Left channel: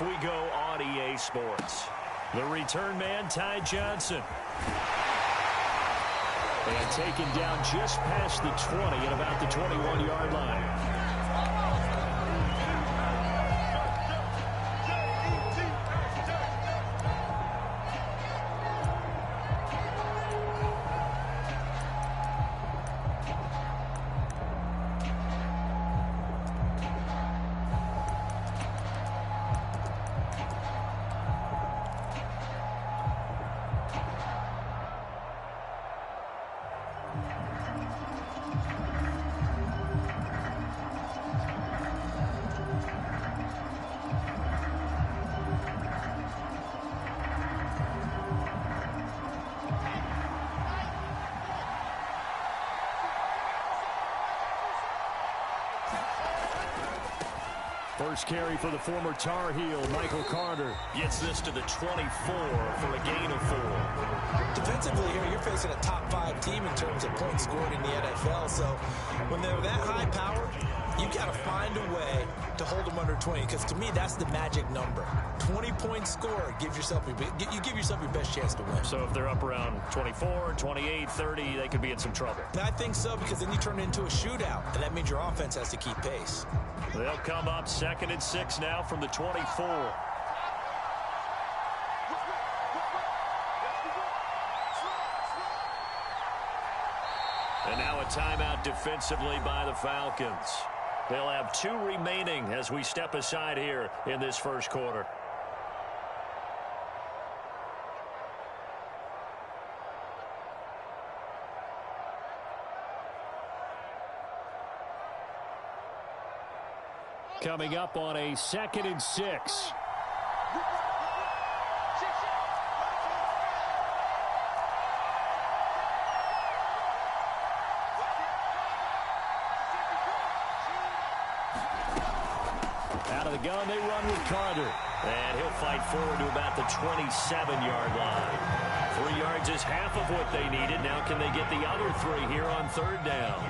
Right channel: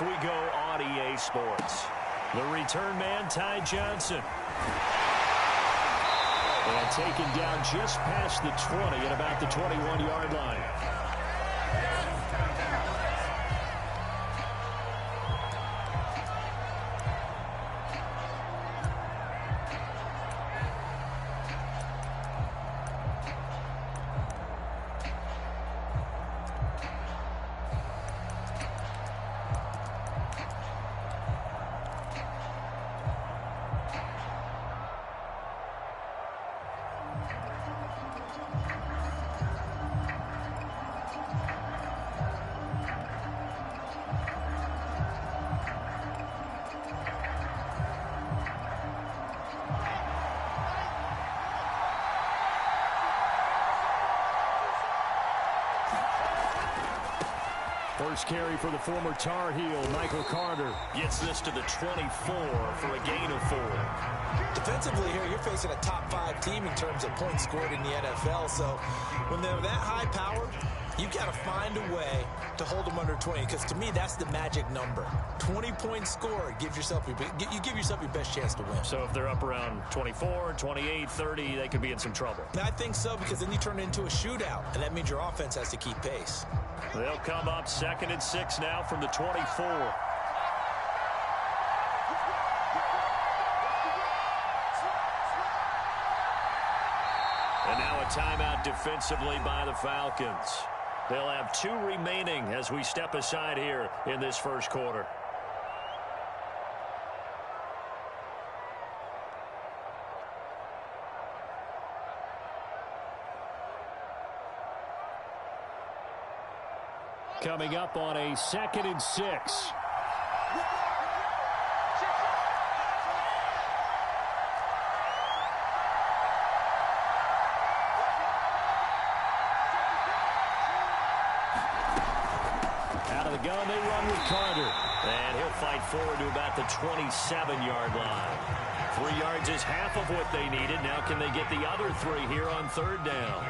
off we go on EA Sports. The return man, Ty Johnson. And taken down just past the 20 at about the 21-yard line. First carry for the former Tar Heel, Michael Carter. Gets this to the 24 for a gain of 4. Defensively here, you're facing a top 5 team in terms of points scored in the NFL. So when they're that high-powered, you've got to find a way to hold them under 20. Because to me, that's the magic number. 20 points scored, you give yourself your best chance to win. So if they're up around 24, 28, 30, they could be in some trouble. And I think so, because then you turn it into a shootout, and that means your offense has to keep pace. They'll come up 2nd and 6 now from the 24. And now a timeout defensively by the Falcons. They'll have 2 remaining as we step aside here in this first quarter. Coming up on a 2nd and 6. Out of the gun, they run with Carter. And he'll fight forward to about the 27-yard line. 3 yards is half of what they needed. Now can they get the other 3 here on 3rd down?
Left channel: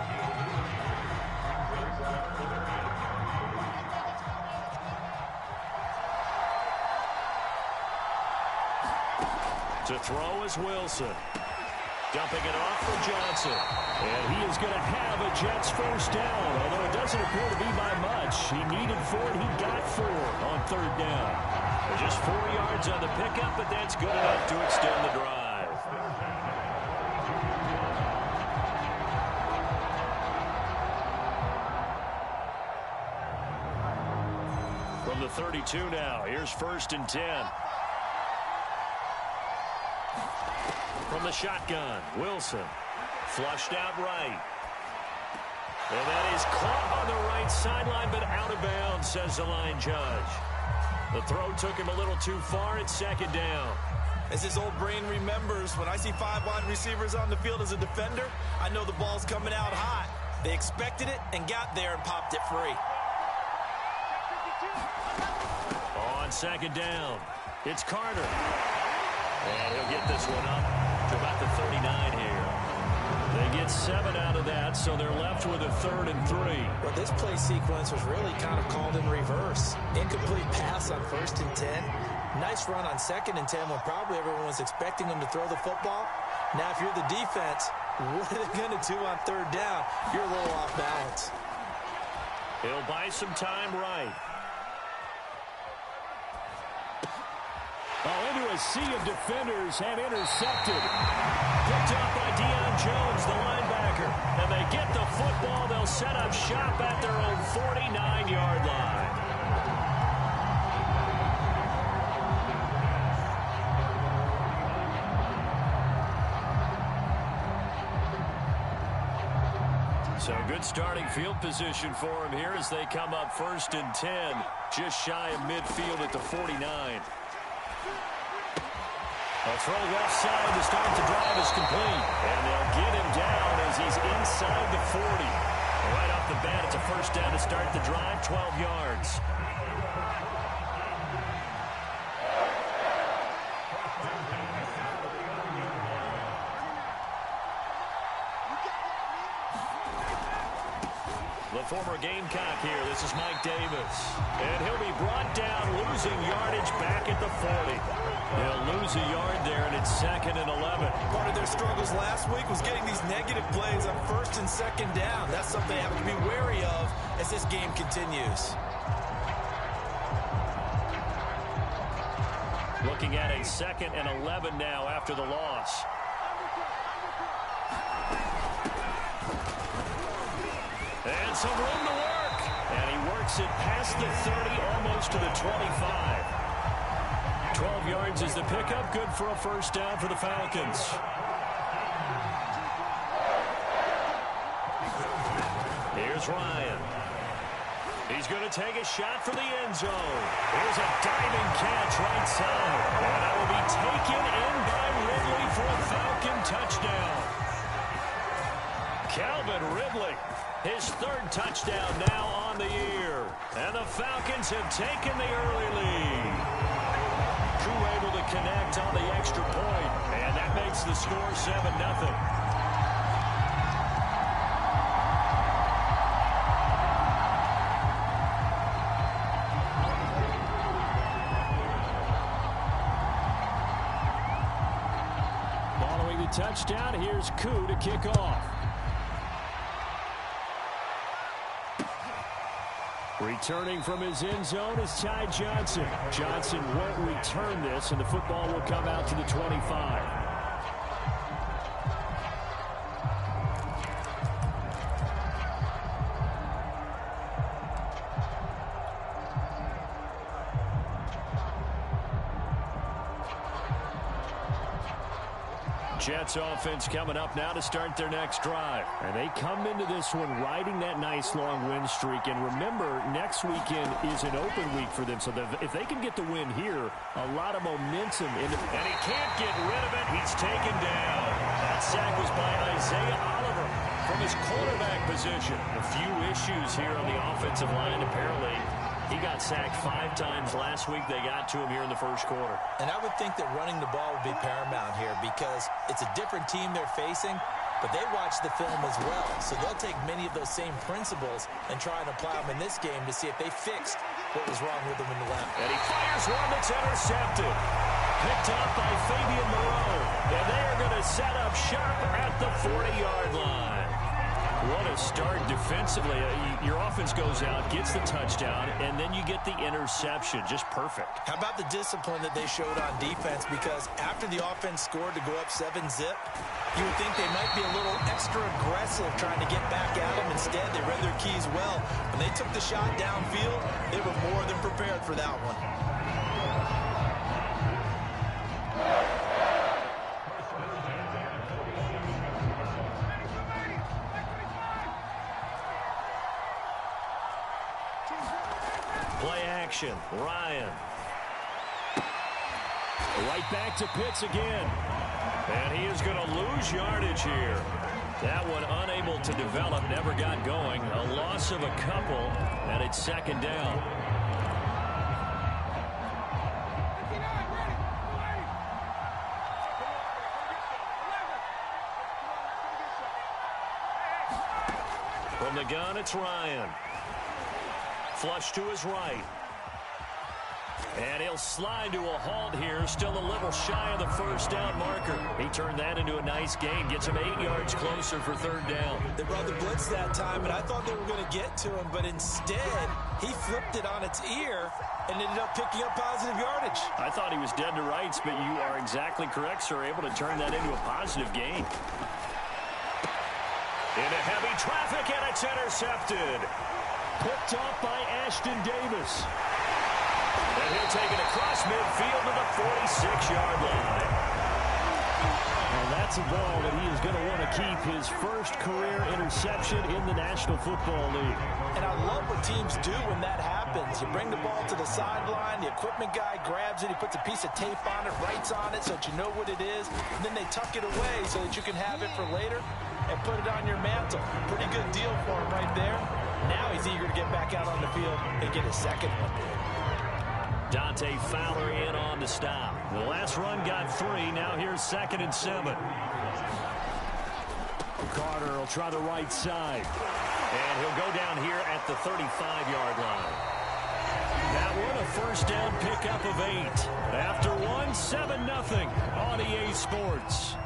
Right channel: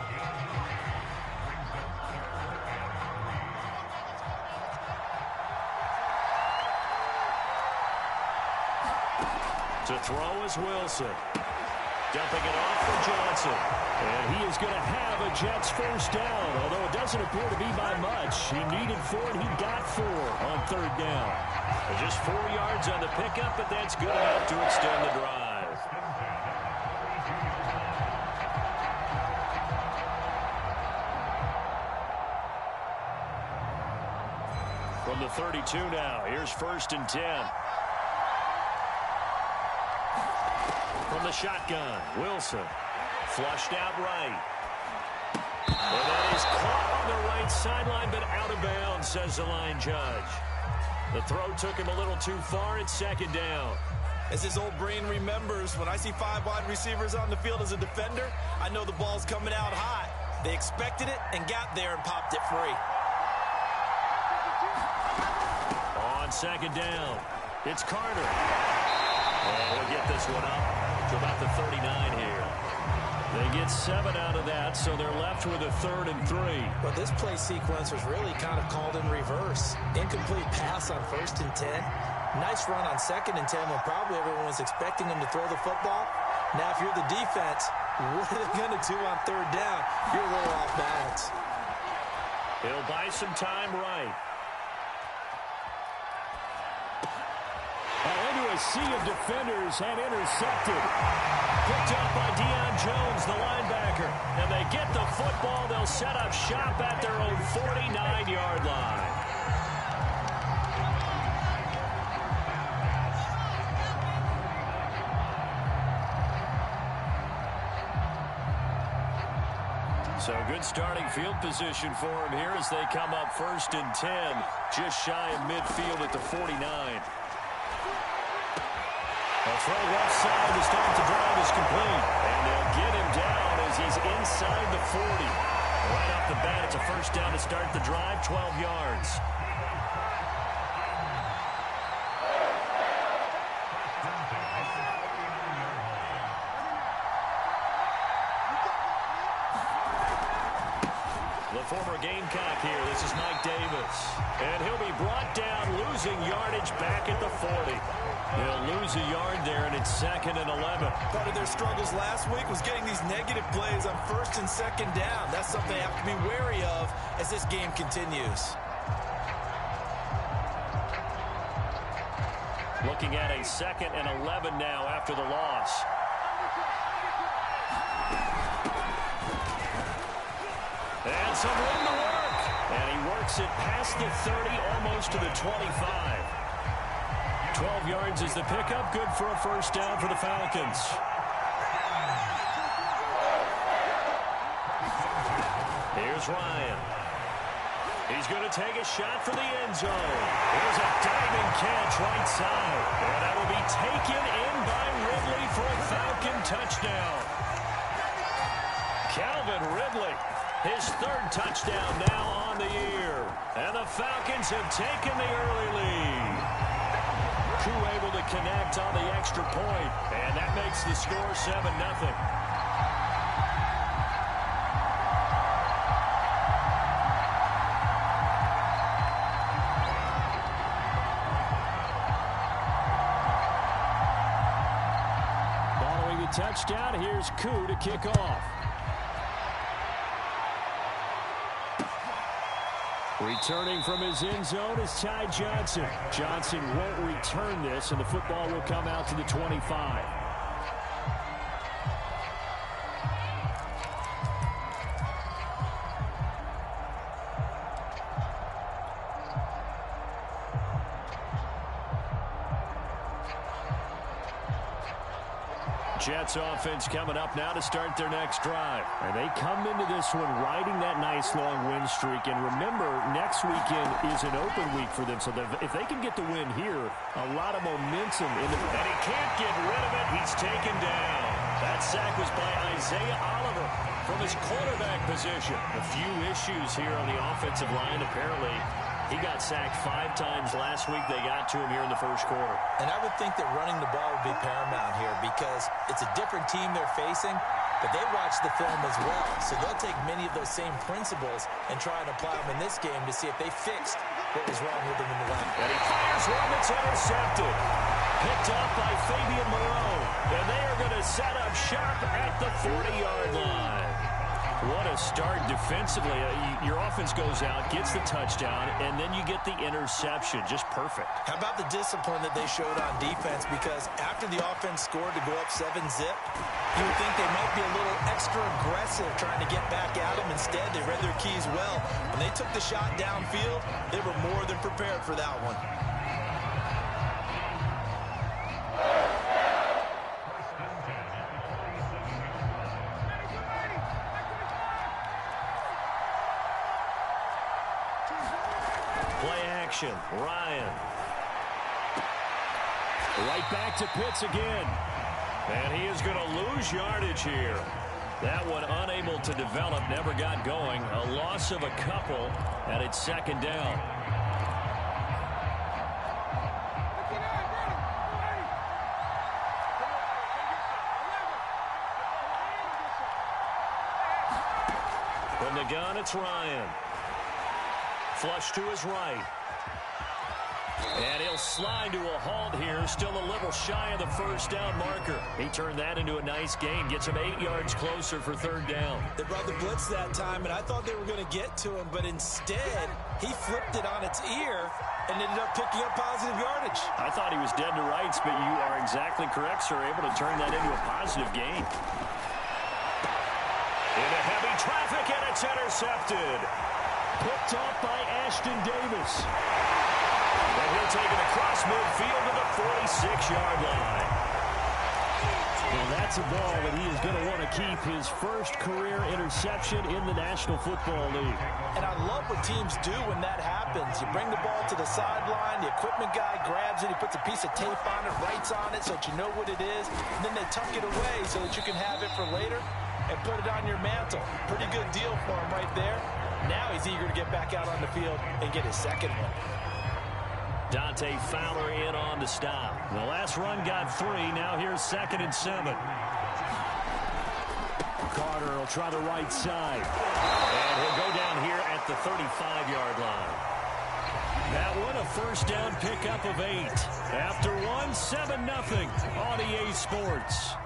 To throw is Wilson. Dumping it off for Johnson. And he is going to have a Jets first down, although it doesn't appear to be by much. He needed 4, and he got 4 on 3rd down. Just 4 yards on the pickup, but that's good enough to extend the drive. From the 32 now, here's 1st and 10. From the shotgun, Wilson. Flushed out right. And that is caught on the right sideline, but out of bounds, says the line judge. The throw took him a little too far. It's 2nd down. As his old brain remembers, when I see 5 wide receivers on the field as a defender, I know the ball's coming out hot. They expected it and got there and popped it free. On 2nd down, it's Carter. And he'll get this one up to about the 39 here. They get 7 out of that, so they're left with a 3rd and 3. But this play sequence was really kind of called in reverse. Incomplete pass on 1st and 10. Nice run on 2nd and 10 when probably everyone was expecting them to throw the football. Now, if you're the defense, what are they going to do on 3rd down? You're a little off balance. He'll buy some time right. Into a sea of defenders and intercepted. Picked up by Deion Jones, the linebacker. And they get the football. They'll set up shop at their own 49-yard line. So good starting field position for him here as they come up 1st and 10, just shy of midfield at the 49. A throw left side to start the drive is complete. And they'll get him down as he's inside the 40. Right off the bat, it's a first down to start the drive, 12 yards. The The former Gamecock here. This is Mike Davis. And he'll be brought down, losing yardage back at the 40. He'll lose a yard there, and it's 2nd and 11. Part of their struggles last week was getting these negative plays on 1st and 2nd down. That's something they have to be wary of as this game continues. Looking at a 2nd and 11 now after the loss. And some room to work. And he works it past the 30, almost to the 25. 12 yards is the pickup. Good for a first down for the Falcons. Here's Ryan. He's going to take a shot for the end zone. Here's a diving catch right side. And that will be taken in by Ridley for a Falcon touchdown. Calvin Ridley, his 3rd touchdown now on the year. And the Falcons have taken the early lead. Koo able to connect on the extra point. And that makes the score 7-0. Following the touchdown, here's Koo to kick off. Returning from his end zone is Ty Johnson. Johnson won't return this, and the football will come out to the 25. Jets offense coming up now to start their next drive. And they come into this one riding that nice long win streak. And remember, next weekend is an open week for them. So if they can get the win here, a lot of momentum. And he can't get rid of it. He's taken down. That sack was by Isaiah Oliver from his quarterback position. A few issues here on the offensive line. Apparently, he got sacked 5 times last week. They got to him here in the first quarter. And I would think that running the ball would be paramount here because it's a different team they're facing, but they watch the film as well. So they'll take many of those same principles and try and apply them in this game to see if they fixed what was wrong with them in the left. And he fires one that's intercepted. Picked up by Fabian Moreau. And they are going to set up shop at the 40-yard line. What a start defensively. Your offense goes out, gets the touchdown, and then you get the interception. Just perfect. How about the discipline that they showed on defense? Because after the offense scored to go up 7-zip, you would think they might be a little extra aggressive trying to get back at them. Instead, they read their keys well. When they took the shot downfield, they were more than prepared for that one. Play action. Ryan. Right back to Pitts again. And he is going to lose yardage here. That one unable to develop, never got going. A loss of a couple, and it's 2nd down. From the gun, it's Ryan. Flush to his right. And he'll slide to a halt here. Still a little shy of the first down marker. He turned that into a nice gain. Gets him 8 yards closer for 3rd down. They brought the blitz that time, and I thought they were going to get to him. But instead, he flipped it on its ear and ended up picking up positive yardage. I thought he was dead to rights, but you are exactly correct, sir. Able to turn that into a positive gain. Into heavy traffic, and it's intercepted. Picked off by Ashton Davis. And he'll take it across midfield to the 46-yard line. And that's a ball that he is going to want to keep, his first career interception in the National Football League. And I love what teams do when that happens. You bring the ball to the sideline, the equipment guy grabs it, he puts a piece of tape on it, writes on it so that you know what it is, and then they tuck it away so that you can have it for later and put it on your mantle. Pretty good deal for him right there. Now he's eager to get back out on the field and get his second one. Dante Fowler in on the stop. The last run got 3. Now here's 2nd and 7. Carter will try the right side. And he'll go down here at the 35-yard line. That one a first down pickup of 8. After one, 7-0 on EA Sports.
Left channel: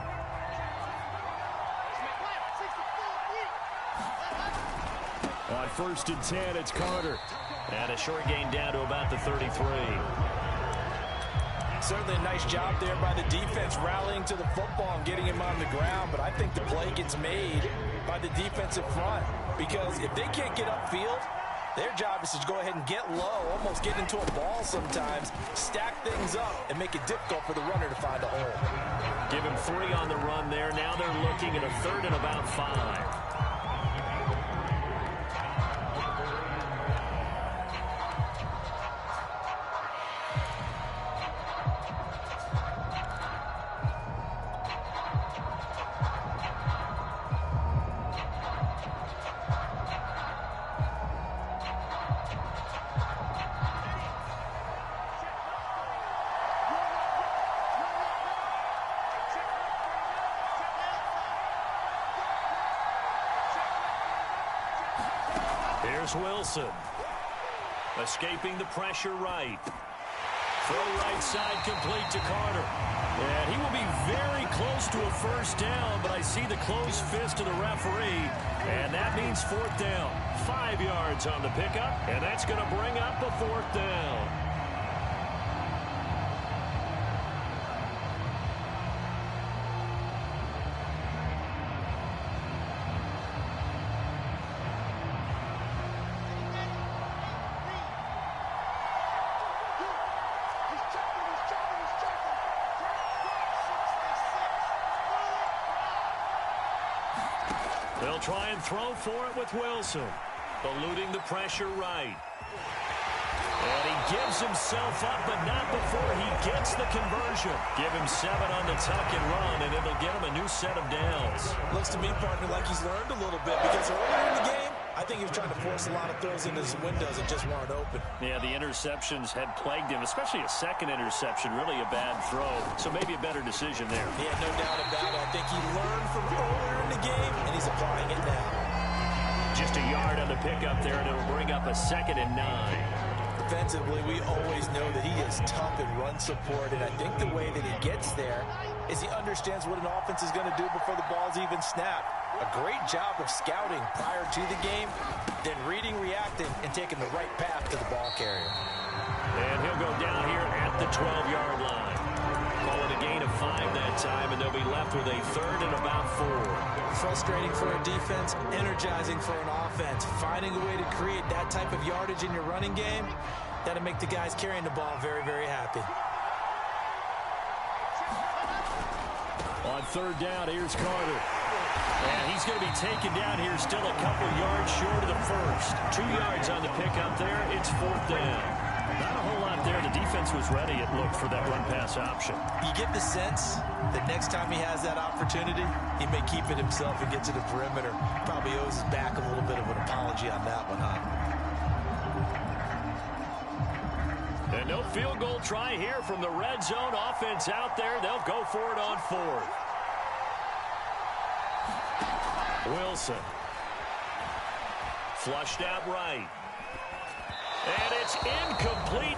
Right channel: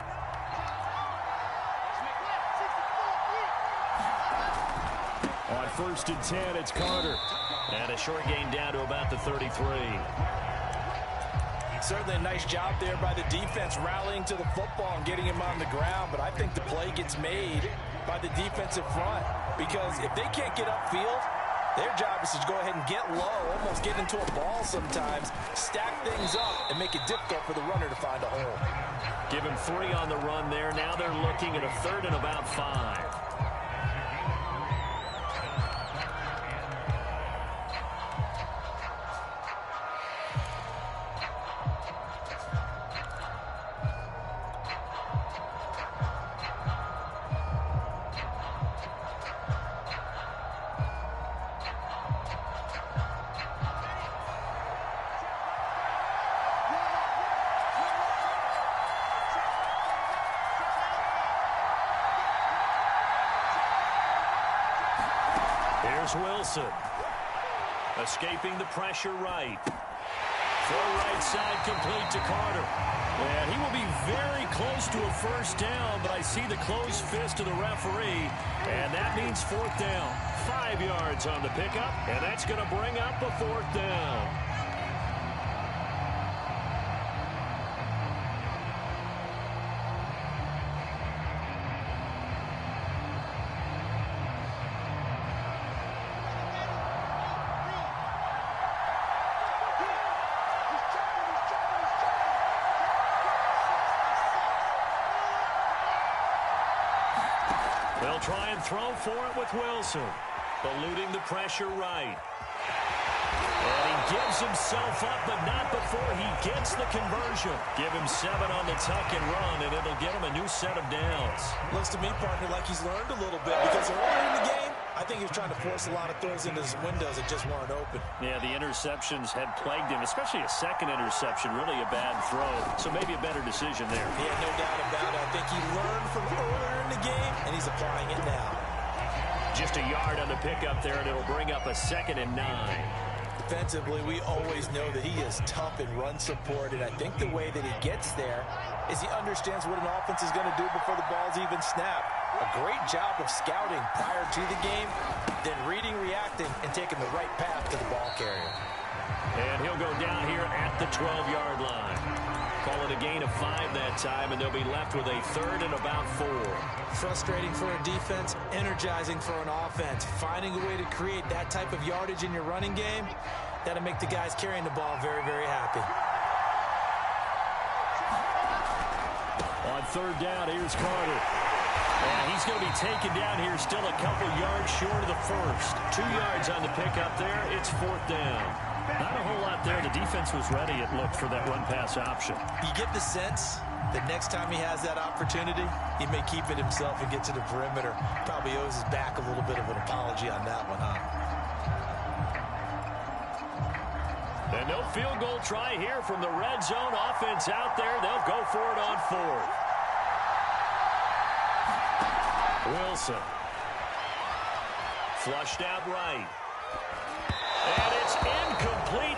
On 1st and 10, it's Carter. And a short gain down to about the 33. Certainly a nice job there by the defense rallying to the football and getting him on the ground. But I think the play gets made by the defensive front. Because if they can't get upfield, their job is to go ahead and get low, almost get into a ball sometimes, stack things up, and make it difficult for the runner to find a hole. Give him 3 on the run there. Now they're looking at a 3rd and about 5. Here's Wilson. Escaping the pressure right. Throw right side complete to Carter. And he will be very close to a first down, but I see the closed fist of the referee, and that means 4th down. 5 yards on the pickup, and that's going to bring up a 4th down. They'll try and throw for it with Wilson. Eluding the pressure right. And he gives himself up, but not before he gets the conversion. Give him 7 on the tuck and run, and it'll get him a new set of downs. Looks to me, partner, like he's learned a little bit, because earlier in the game, I think he was trying to force a lot of throws into his windows that just weren't open. Yeah, the interceptions had plagued him, especially a second interception, really a bad throw. So maybe a better decision there. Yeah, no doubt about it. I think he learned from earlier in the game, and he's applying it now. Just a yard on the pickup there, and it'll bring up a 2nd and 9. Defensively, we always know that he is tough in run support, and I think the way that he gets there is he understands what an offense is going to do before the ball's even snapped. A great job of scouting prior to the game, then reading, reacting, and taking the right path to the ball carrier. And he'll go down here at the 12-yard line. Call it a gain of 5 that time, and they'll be left with a 3rd and about 4. Frustrating for a defense, energizing for an offense. Finding a way to create that type of yardage in your running game, that'll make the guys carrying the ball very, very happy. On 3rd down, here's Carter. And he's going to be taken down here, still a couple yards short of the first. 2 yards on the pickup there. It's 4th down. Not a whole lot there. The defense was ready, it looked, for that run-pass option. You get the sense that next time he has that opportunity, he may keep it himself and get to the perimeter. Probably owes his back a little bit of an apology on that one, huh? And no field goal try here from the red zone offense out there. They'll go for it on 4th. Wilson. Flushed out right. And it's incomplete.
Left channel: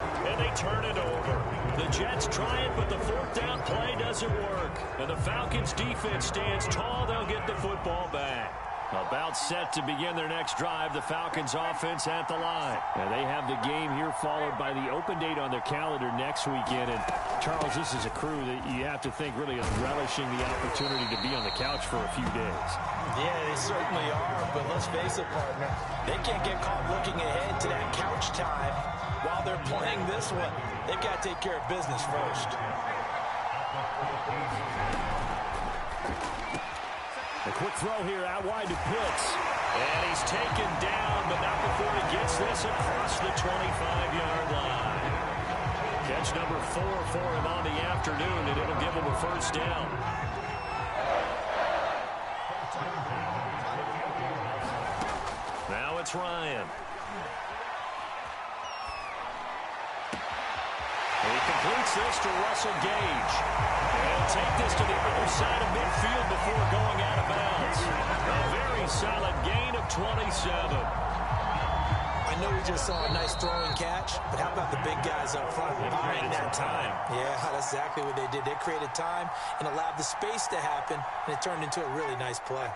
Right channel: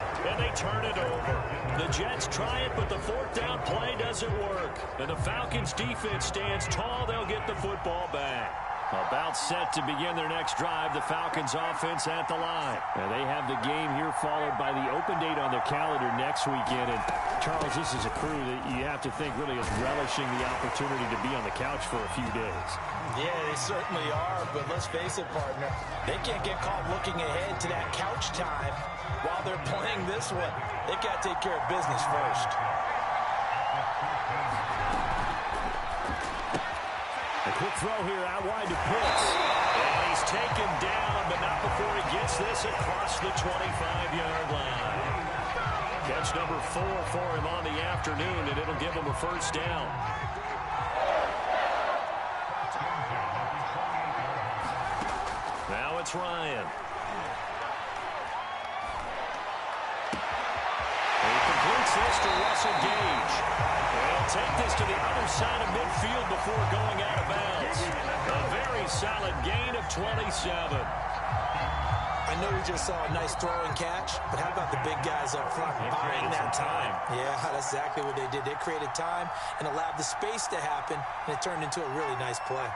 And they turn it over. The Jets try it, but the 4th down play doesn't work. And the Falcons defense stands tall. They'll get the football back. About set to begin their next drive, the Falcons offense at the line. And they have the game here followed by the open date on their calendar next weekend. And Charles, this is a crew that you have to think really is relishing the opportunity to be on the couch for a few days. Yeah, they certainly are, but let's face it, partner. They can't get caught looking ahead to that couch time while they're playing this one. They've got to take care of business first. A quick throw here out wide to Pitts. And he's taken down, but not before he gets this across the 25-yard line. Catch number 4 for him on the afternoon, and it'll give him a first down. Now it's Ryan. He completes this to Russell Gage. He'll take this to the other side of midfield before going out of bounds. A very solid gain of 27. I know we just saw a nice throwing catch, but how about the big guys up front buying that time? Yeah, that's exactly what they did. They created time and allowed the space to happen, and it turned into a really nice play.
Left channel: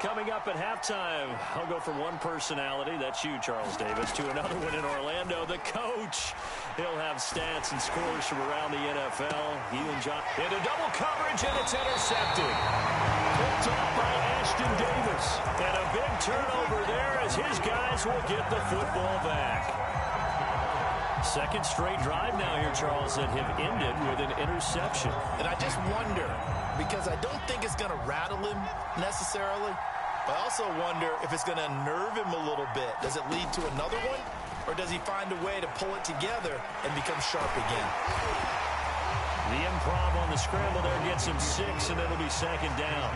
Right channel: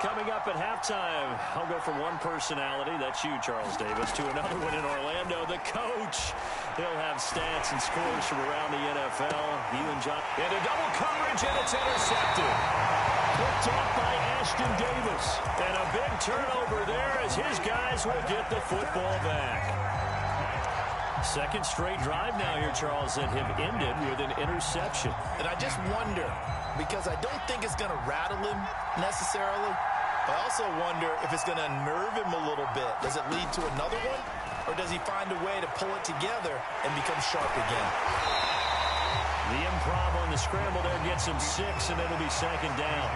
Coming up at halftime, I'll go from one personality, that's you, Charles Davis, to another one in Orlando, the coach. He'll have stats and scores from around the NFL. You and John into double coverage, and it's intercepted. Picked off by Ashton Davis. And a big turnover there as his guys will get the football back. Second straight drive now here, Charles, that have ended with an interception. And I just wonder, because I don't think it's going to rattle him necessarily, but I also wonder if it's going to unnerve him a little bit. Does it lead to another one, or does he find a way to pull it together and become sharp again? The improv on the scramble there gets him 6, and it'll be second down.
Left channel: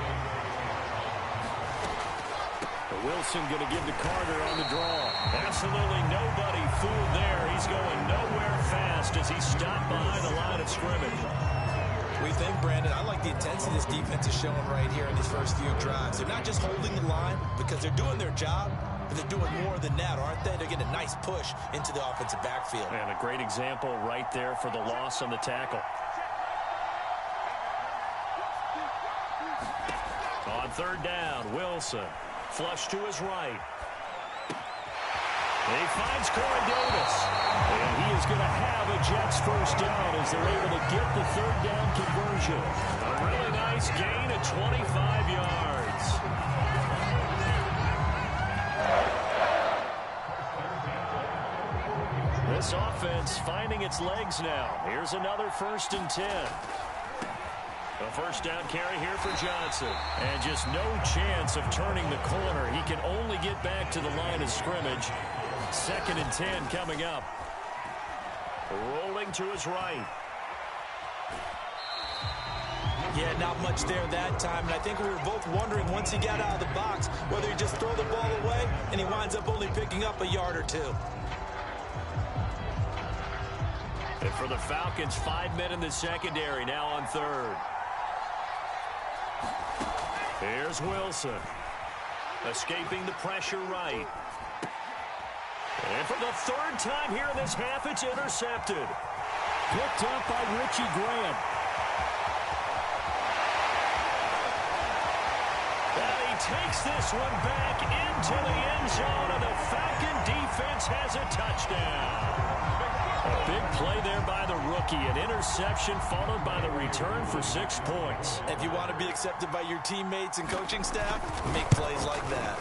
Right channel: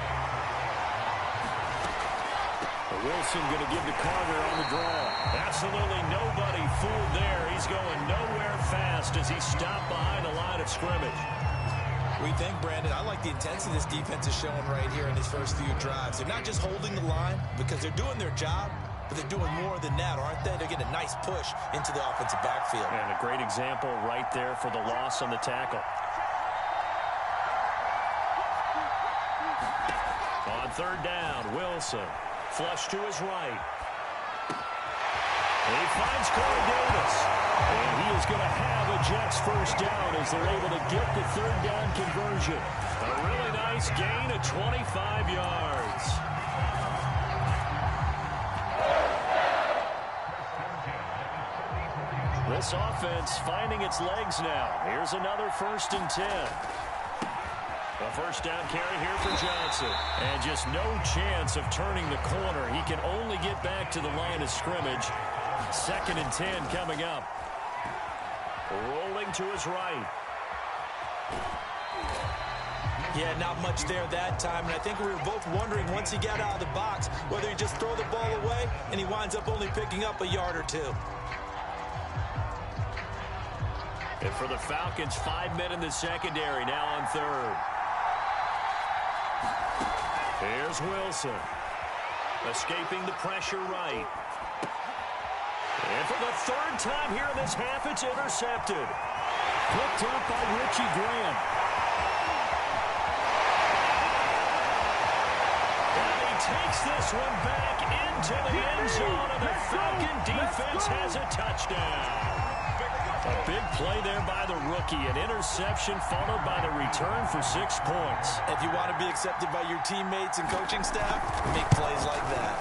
Wilson going to give to Carter on the draw. Absolutely nobody fooled there. He's going nowhere fast as he stopped behind the line of scrimmage. We think, Brandon, I like the intensity this defense is showing right here in these first few drives. They're not just holding the line because they're doing their job, but they're doing more than that, aren't they? They're getting a nice push into the offensive backfield. And a great example right there for the loss on the tackle. On third down, Wilson. Flush to his right. He finds Corey Davis. And he is going to have a Jets first down as they're able to get the third down conversion. A really nice gain of 25 yards. This offense finding its legs now. Here's another 1st and 10. A first down carry here for Johnson. And just no chance of turning the corner. He can only get back to the line of scrimmage. 2nd and 10 coming up. Rolling to his right. Yeah, not much there that time. And I think we were both wondering once he got out of the box whether he just throw the ball away and he winds up only picking up a yard or two. And for the Falcons, 5 men in the secondary now on third. Here's Wilson. Escaping the pressure right. And for the third time here in this half, it's intercepted. Picked up by Richie Graham. And he takes this one back into the end zone, and the Falcon defense has a touchdown. A big play there by the rookie. An interception followed by the return for 6 points. If you want to be accepted by your teammates and coaching staff, make plays like that.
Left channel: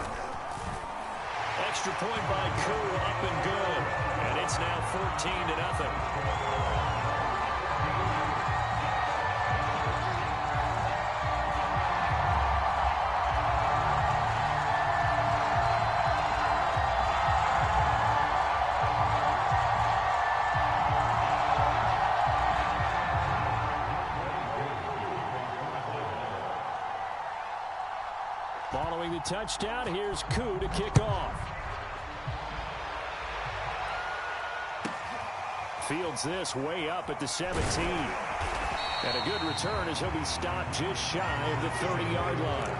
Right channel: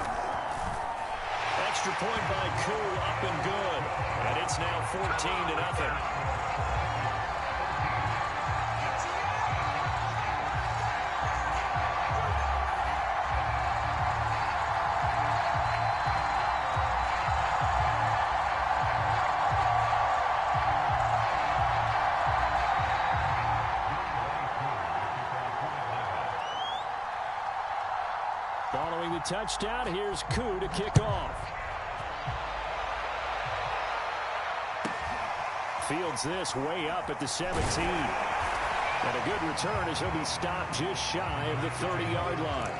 Extra point by Koo, up and good. And it's now 14-0. Following the touchdown, here's Koo to kick off. Fields this way up at the 17. And a good return as he'll be stopped just shy of the 30-yard line.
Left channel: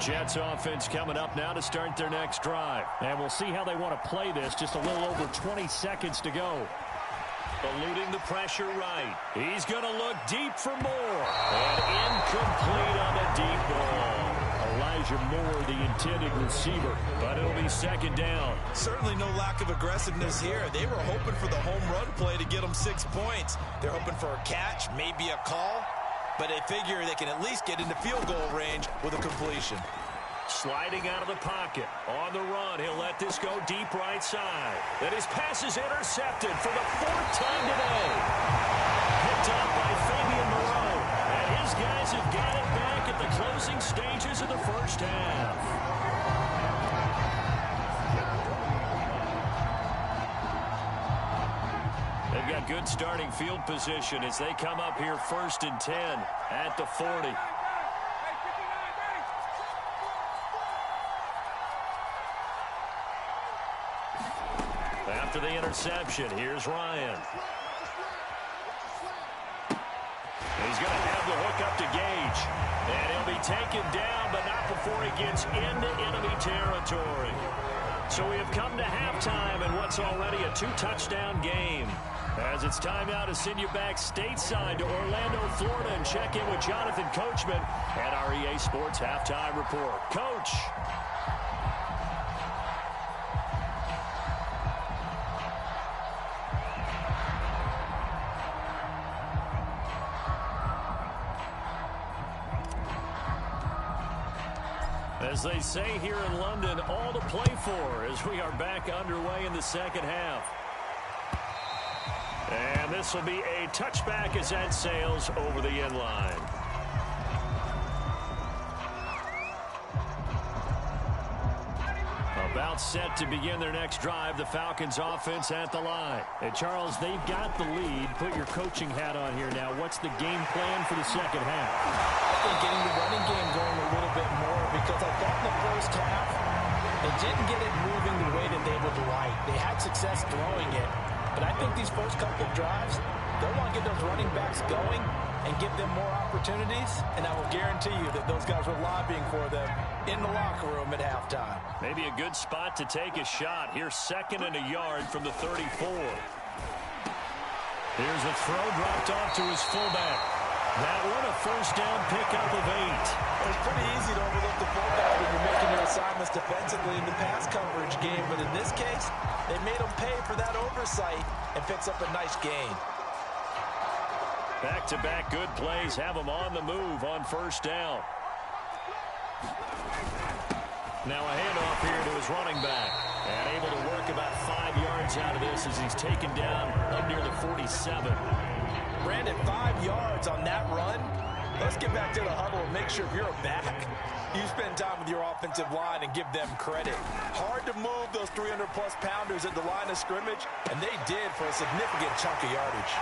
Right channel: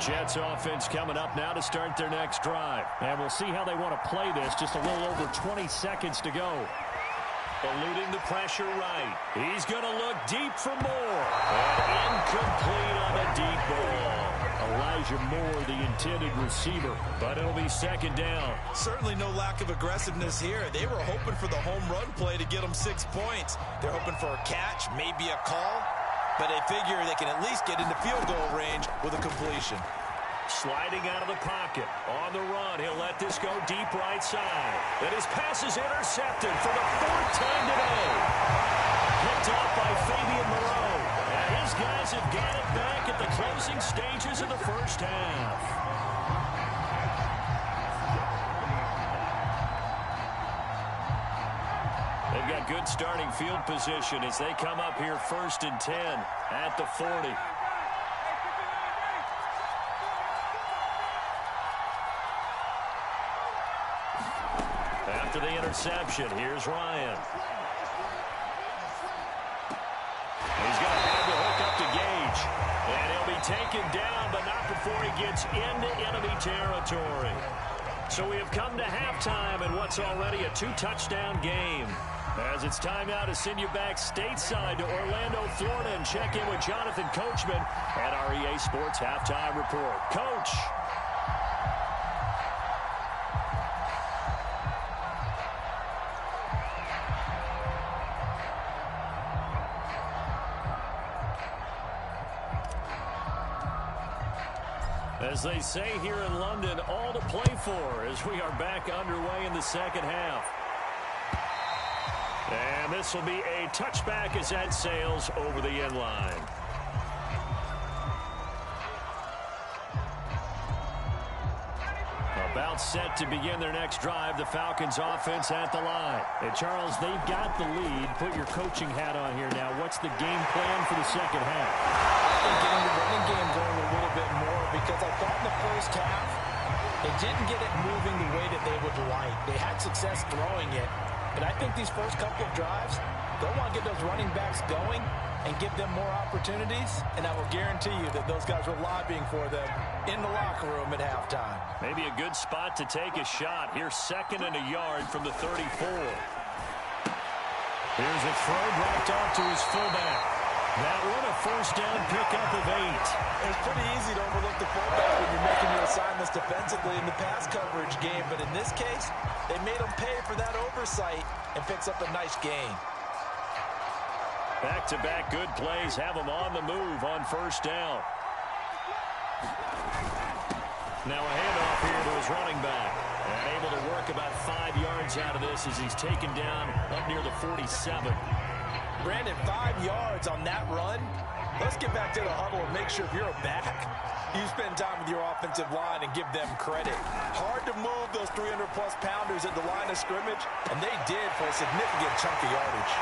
Jets offense coming up now to start their next drive. And we'll see how they want to play this. Just a little over 20 seconds to go. Eluding the pressure right. He's going to look deep for more. And incomplete on the deep ball. Elijah Moore, the intended receiver. But it'll be second down. Certainly no lack of aggressiveness here. They were hoping for the home run play to get them 6 points. They're hoping for a catch, maybe a call. But they figure they can at least get into field goal range with a completion. Sliding out of the pocket. On the run, he'll let this go deep right side. Then his pass is intercepted for the 4th time today. Picked up by Fabian Moreau. And his guys have got it back at the closing stages of the first half. They've got good starting field position as they come up here 1st and 10 at the 40. After the interception, here's Ryan. He's going to have the hook up to Gage. And he'll be taken down, but not before he gets into enemy territory. So we have come to halftime in what's already a 2-touchdown game. As it's time now to send you back stateside to Orlando, Florida, and check in with Jonathan Coachman at our EA Sports Halftime Report. Coach. As they say here in London, all to play for as we are back underway in the second half. And this will be a touchback as that sails over the end line. About set to begin their next drive, the Falcons offense at the line. And Charles, they've got the lead. Put your coaching hat on here now. What's the game plan for the second half? I think getting the running game going a little bit more, because I thought in the first half they didn't get it moving the way that they would like. They had success throwing it, but I think these first couple of drives, they'll want to get those running backs going and give them more opportunities, and I will guarantee you that those guys were lobbying for them in the locker room at halftime. Maybe a good spot to take a shot. Here's 2nd and a yard from the 34. Here's a throw dropped off to his fullback. That one a first down pickup of 8. It's pretty easy to overlook the fullback when you're making your assignments defensively in the pass coverage game, but in this case, they made him pay for that oversight and picks up a nice gain. Back-to-back good plays have him on the move on first down. Now a handoff here to his running back. And able to work about 5 yards out of this as he's taken down up near the 47. Brandon, 5 yards on that run. Let's get back to the huddle and make sure if you're a back, you spend time with your offensive line and give them credit. Hard to move those 300-plus pounders at the line of scrimmage, and they did for a significant chunk of yardage.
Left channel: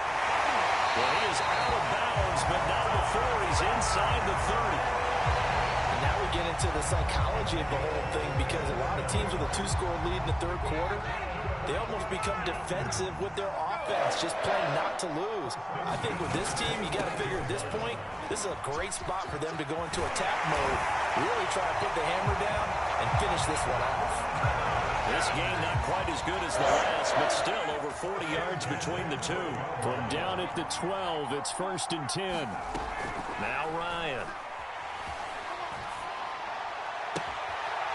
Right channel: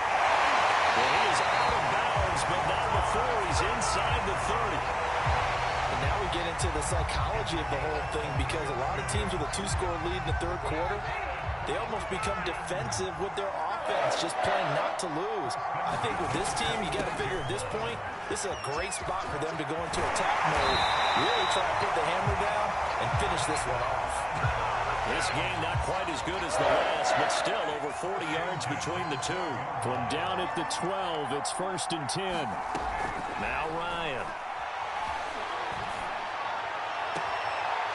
Well, he is out of bounds, but not before he's inside the 30. And now we get into the psychology of the whole thing, because a lot of teams with a 2-score lead in the third quarter, they almost become defensive with their offense, just playing not to lose. I think with this team, you got to figure at this point, this is a great spot for them to go into attack mode, really try to put the hammer down and finish this one off. This game not quite as good as the last, but still over 40 yards between the two. From down at the 12, it's 1st and 10. Now Ryan.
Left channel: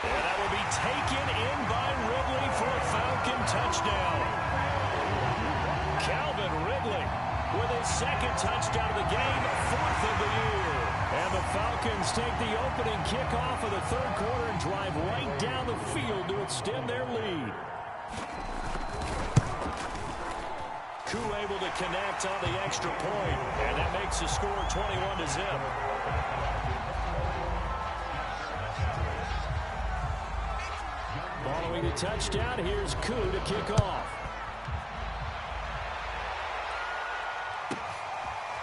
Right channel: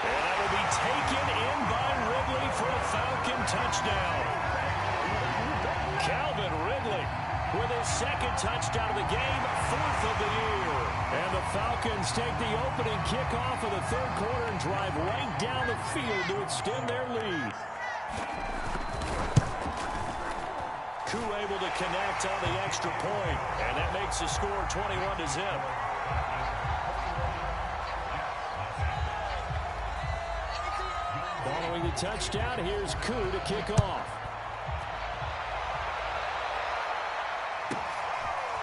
And that will be taken in by Ridley for a Falcon touchdown. Calvin Ridley with his 2nd touchdown of the game, 4th of the year. And the Falcons take the opening kickoff of the third quarter and drive right down the field to extend their lead. Koo able to connect on the extra point, and that makes the score 21-0. Following the touchdown, here's Koo to kick off.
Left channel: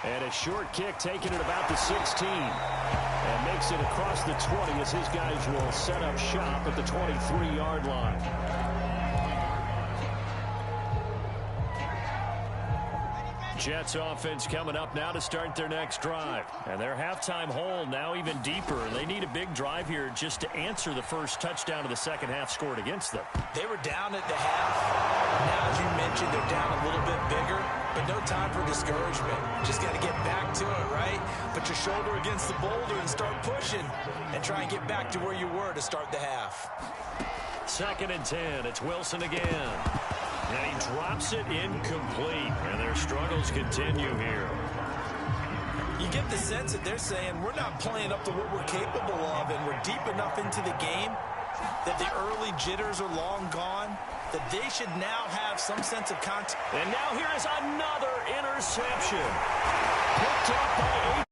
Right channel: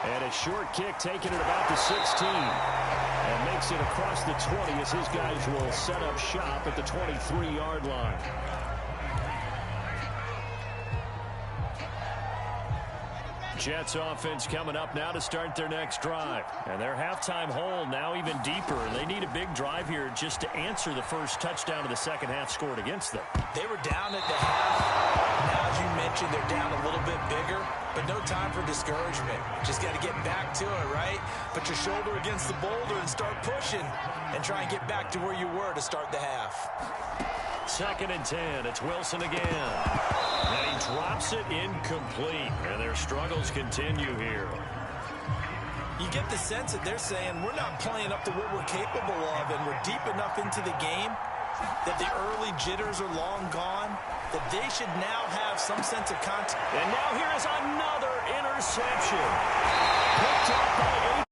And a short kick taken at about the 16. And makes it across the 20 as his guys will set up shop at the 23-yard line. Jets offense coming up now to start their next drive. And their halftime hole now even deeper. They need a big drive here just to answer the first touchdown of the second half scored against them. They were down at the half. Now, as you mentioned, they're down a little bit bigger, but no time for discouragement. Just got to get back to it, right? Put your shoulder against the boulder and start pushing and try and get back to where you were to start the half. 2nd and 10. It's Wilson again. And he drops it incomplete. And their struggles continue here. You get the sense that they're saying we're not playing up to what we're capable of, and we're deep enough into the game that the early jitters are long gone, that they should now have some sense of contact. And now here is another interception. Picked up by